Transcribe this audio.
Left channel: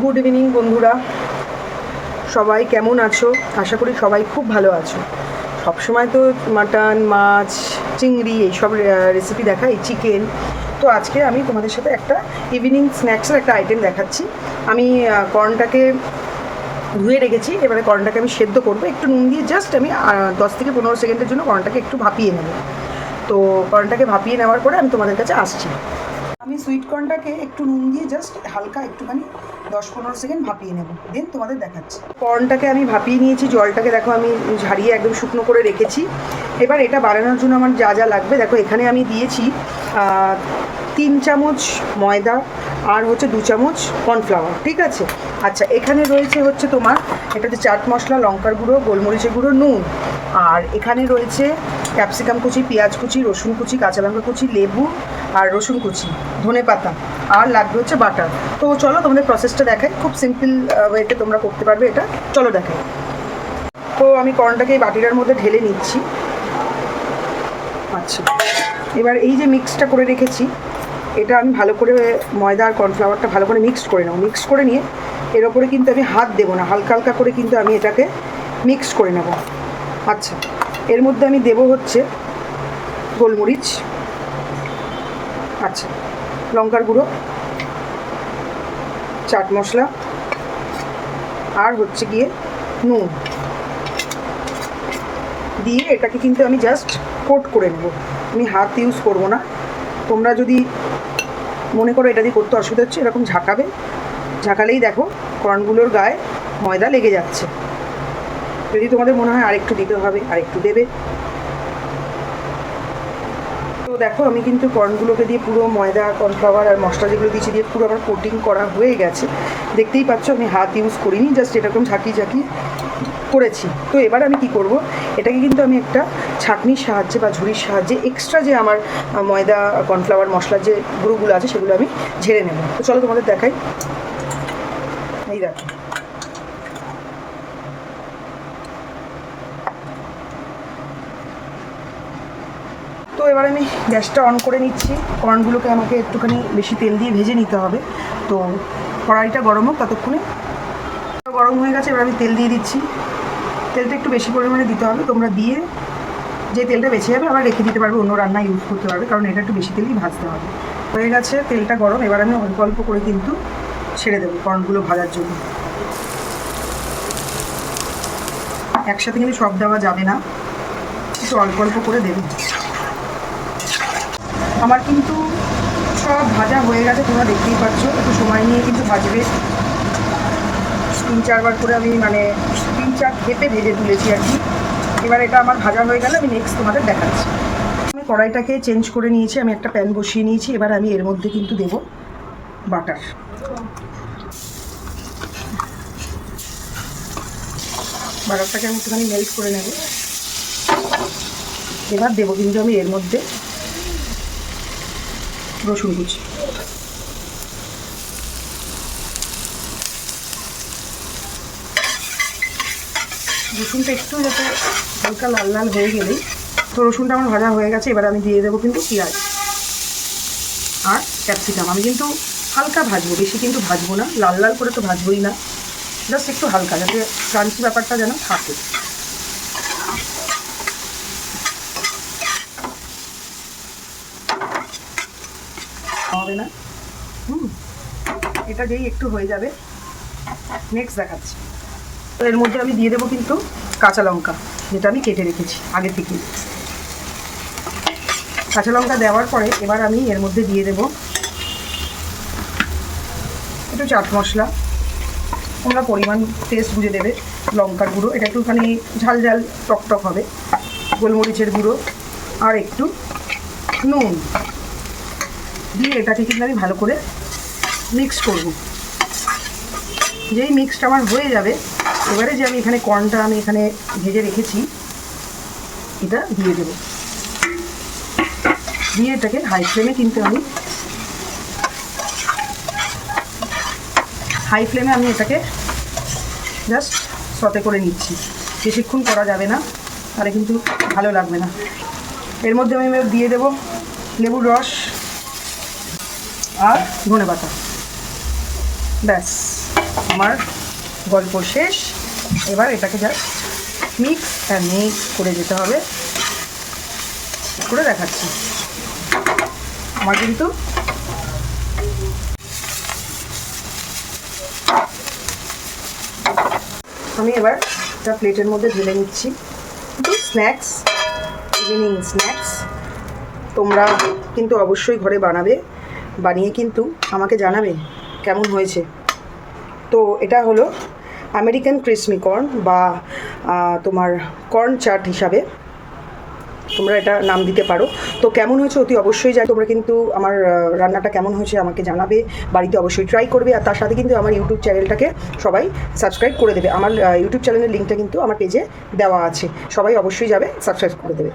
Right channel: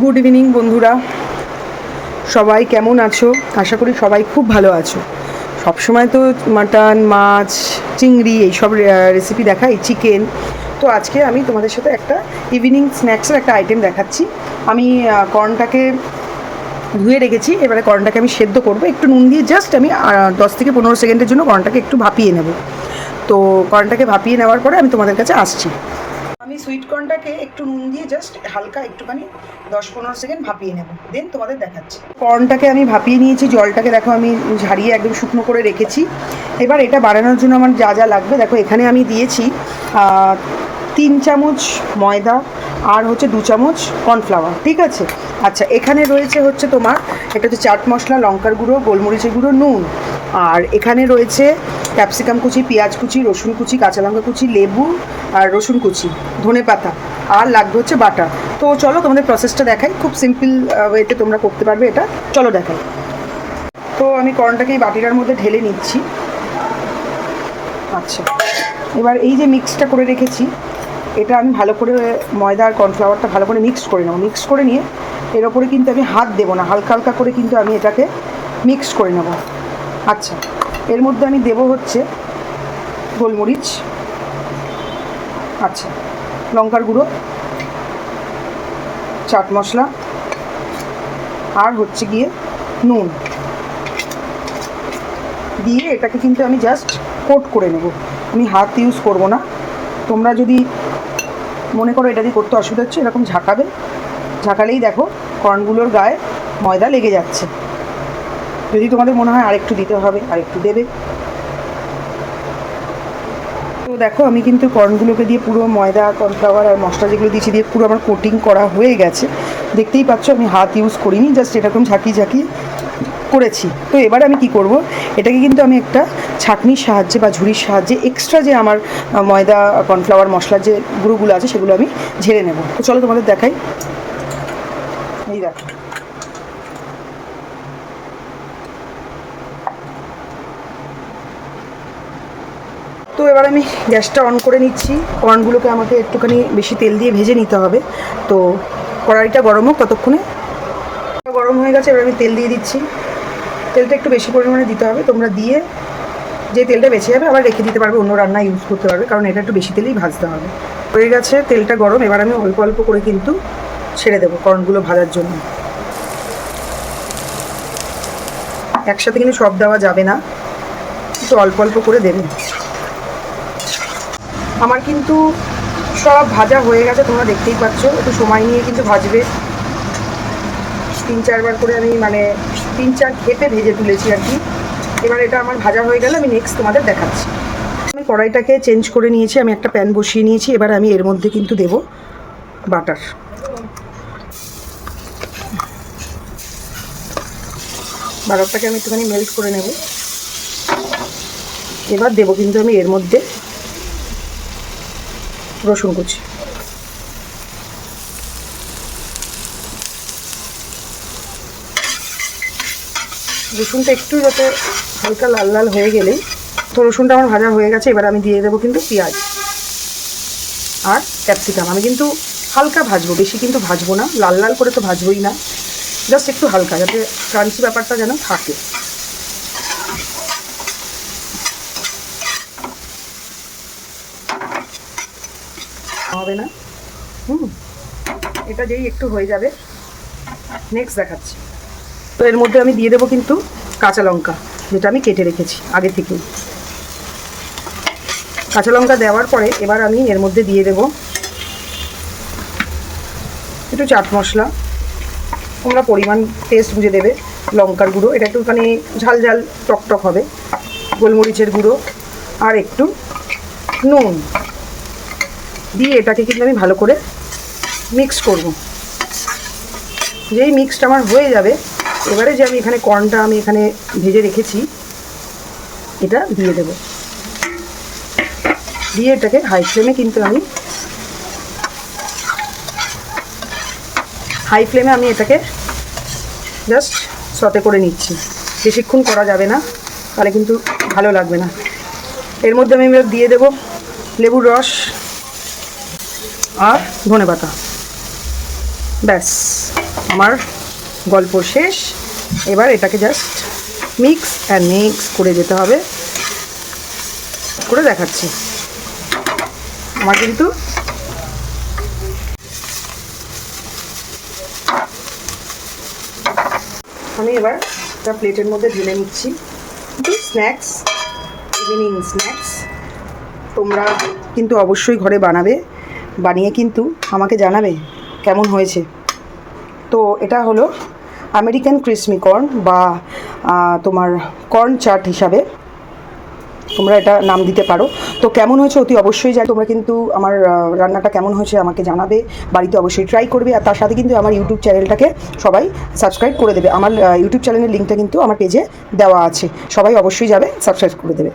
Good evening বন্ধুরা, সবাই কেমন আছো? আশা করি সবাই খুব ভালো আছো। সবসময় তো মাটন, মাছ, চিংড়ি এইসব রেসিপি দেখাই, চিকেন। তো আজকে আমি তোমাদের সাথে একটা ইভিনিং স্ন্যাক্সের একটা আইটেম দেখাচ্ছি। আমি কর্নটাকে ধুয়ে রেখেছি, এবারে কর্নটাকে আমি সেদ্ধ করবো একটু নুন দিয়ে। জাস্ট আমি 10 থেকে 15 সেকেন্ডের জন্য কর্নটাকে একটু ভাপিয়ে নেব। তো কর্নটাকে ভাপিয়ে নেওয়ার পরে আমি তোমাদের কাছে আসছি। আমি সুইট কর্নটাকে একটু নুন দিয়ে জাস্ট হালকা একটুখানি 10-15 সেকেন্ড ভাপিয়ে নেব, দেন তোমাদের দেখাচ্ছি। কর্নটাকে আমি ভাপিয়ে নিয়েছি, জলটাকে দেখো আমি ঝারিয়ে একদম শুকনো করে রেখেছি। এবার এটা বানানোর জন্য আমার যা যা লাগবে দেখো, এখানে আমি দিয়েছি 3 চামচ ময়দা আর হচ্ছে 2 চামচ কর্নফ্লাওয়ার, ঠিক আছে। আচ্ছা, এখানে রয়েছে তোমার এটা হচ্ছে চাট মশলা, লঙ্কার গুঁড়ো, গোলমরিচের গুঁড়ো, নুন। আর এখানে রয়েছে ক্যাপসিকাম কুচি, পেঁয়াজ কুচি, রসুন কুচি, কাঁচা লঙ্কা কুচি, লেবু আর রসুন কুচি, ধনে পাতা, আর লাগবে হচ্ছে বাটার। তো চলো তোমাদের প্রসেসটা দেখাই, খুব সিম্পল ওয়েতে তোমরা করতে পারবে এটা। চলো দেখাই। তো আমি কর্নটাকে এই বাটিটার মধ্যে ঢেলে নিচ্ছি। আচ্ছা, এবার এই যে মিক্সটা করে রেখেছি, এটা আমি ভালো করে ময়দা আর কর্নফ্লাওয়ারটা ভালো করে মিক্স করে নেবো। মিক্স করে নিয়ে এর ওপরে কিন্তু আমি হাত দেবো না, হালকা হালকা করে কিন্তু আমি এটাকে মিক্স করে নেব। আচ্ছা, এর মধ্যে আমি দেবো হচ্ছে গোলমরিচ, আচ্ছা, লঙ্কার গুঁড়ো, চাট মশলা, আর হচ্ছে গিয়ে নুন দিয়ে এটাকে কিন্তু আমি জাস্ট কোট করে নেব। আমি হাত ইউজ করব না। তোমরা যদি মনে করো এটা দিয়ে করতে অসুবিধা হচ্ছে, এরকম ঝাঁকাবে, ঝাঁকালেই দেখো কর্নগুলোর গায়ে ময়দা লেগে যাচ্ছে। যদি তোমাদের মনে হয় আরেকটু দিতে হবে, আরেকটু দেবে। তো দেখো আমি কিন্তু কর্নগুলোকে দিয়ে পুরো ময়দা, কর্নফ্লাওয়ার আর মশলা যেগুলো দিয়েছি দিয়ে পুরো আমার কোটিং করা হয়ে গেছে। দেখতেই পাচ্ছ আমি হাত ইউজ করিনি, জাস্ট এরকম ঝাঁকিয়ে ঝাঁকিয়ে করেছি। তো এবার আমি কি করব, এটাকে কিন্তু আমি একটা ছাঁকনির সাহায্যে বা ঝুড়ির সাহায্যে এক্সট্রা যে আমার ময়দা, কর্নফ্লাওয়ার, মশলার যে গুঁড়োগুলো আছে সেগুলো আমি ঝেড়ে নেব। তো চলো তোমাদের দেখাই। এই দেখো, তো এবার আমি গ্যাসটা অন করে নিচ্ছি। কর্নগুলোকে আমাকে একটুখানি বেশি তেল দিয়ে ভেজে নিতে হবে। তো কড়াইটা গরম হোক ততক্ষণে। গরম হয়ে গেছে, এবার আমি তেল দিয়ে দিচ্ছি। তেলটা একটু বেশি পরিমাণে দিতে হবে। তোমরা দিয়ে যে তেলটা বেঁচে যাবে আবার রেখে দিতে পারবে, অন্য রান্না ইউজ করতে পারবে, কারণ এটা একটু বেশি তেলেই ভাজতে হবে। হয়ে গেছে তেলটা গরম, এবার আমি অল্প অল্প করে কিন্তু ছেড়ে দেবো কর্নগুলো ভাজার জন্য। একসাথে কিন্তু সব দেওয়া যাবে না, একটু অল্প অল্প করে দেবে। আমার কিন্তু সব ভাজা হয়ে গেছে, তোমরা দেখতেই পাচ্ছ। একটু সময় নিয়ে কিন্তু ভাজবে। 3-4 বার করে আমি 3-4 খেপে ভেজে তুলেছি আর কি। এবার এটা আমার ভাজা হয়ে গেলে আমি নেক্সট তোমাদের দেখাচ্ছি। আমি কড়াইটাকে চেঞ্জ করে নিয়েছি, আমি একটা প্যান বসিয়ে নিয়েছি। এবার আমি এর মধ্যে কিন্তু দেব বাটার। বাটারটাকে আমি একটুখানি মেল্ট করে নেব। এবার দেবো কিন্তু আমি এর মধ্যে রসুন কুচি। রসুনটা একটু যাতে হালকা লাল লাল হয়ে গেলেই, তো রসুনটা আমার ভাজা হয়ে গেছে। এবার আমি দিয়ে দেবো কিন্তু পেঁয়াজ আর ক্যাপসিকাম। আমি কিন্তু হালকা ভাজবো, বেশি কিন্তু ভাজবো না, লাল লাল করে তো ভাজবোই না, জাস্ট একটু হালকা, যাতে ক্রাঞ্চি ব্যাপারটা যেন থাকে। হবে না, এটা যেই একটু হয়ে যাবে নেক্সট দেখাচ্ছি। তো এর মধ্যে আমি দিয়ে দেবো কিন্তু কাঁচা লঙ্কা, যেটা আমি কেটে রেখেছি আগে থেকেই। কাঁচা লঙ্কা দেওয়ার পরে এবার আমি এর মধ্যে দিয়ে দেবো একটু চাট মশলা, তোমরা পরিমাণ টেস্ট বুঝে দেবে। লঙ্কার গুঁড়ো, এটা একটুখানি ঝাল ঝাল টকটক হবে। গোলমরিচের গুঁড়ো আর একটু নুন দিয়ে এটাকে কিন্তু আমি ভালো করে মিক্স করব। যেই মিক্সটা আমার হয়ে যাবে, এবারে যে আমি এখানে কর্নটা আমি এখানে ভেজে রেখেছি এটা দিয়ে দেব। দিয়ে এটাকে হাই ফ্লেমে কিন্তু আমি এটাকে জাস্ট সতে করে নিচ্ছি। বেশিক্ষণ করা যাবে না, তাহলে কিন্তু ভালো লাগবে না। এর মধ্যে আমি এবার দিয়ে দেবো লেবুর রস আর ধনেপাতা। ব্যাস আমার গল্প শেষ। এবার এটাকে জাস্ট মিক্স করে যেতে হবে। করে দেখাচ্ছি। আমার কিন্তু আমি এবার একটা প্লেটের মধ্যে ঢেলে নিচ্ছি। কিন্তু স্ন্যাক্স, ইভিনিং স্ন্যাক্স তোমরা কিন্তু অবশ্যই ঘরে বানাবে, বানিয়ে কিন্তু আমাকে জানাবে কেমন হয়েছে। তো এটা হলো আমেরিকান ক্রিসপি কর্ন বা তোমার কর্ন চাট হিসাবে তোমরা এটা নাম দিতে পারো। তো কেমন হয়েছে অতি অবশ্যই তোমরা কিন্তু আমার রান্নাটা কেমন হয়েছে আমাকে জানাবে, বাড়িতে অবশ্যই ট্রাই করবে। আর তার সাথে কিন্তু আমার ইউটিউব চ্যানেলটাকে সবাই সাবস্ক্রাইব করে দেবে। আমার ইউটিউব চ্যানেলের লিঙ্কটা কিন্তু আমার পেজে দেওয়া আছে, সবাই অবশ্যই যাবে, সাবস্ক্রাইব করে দেবে।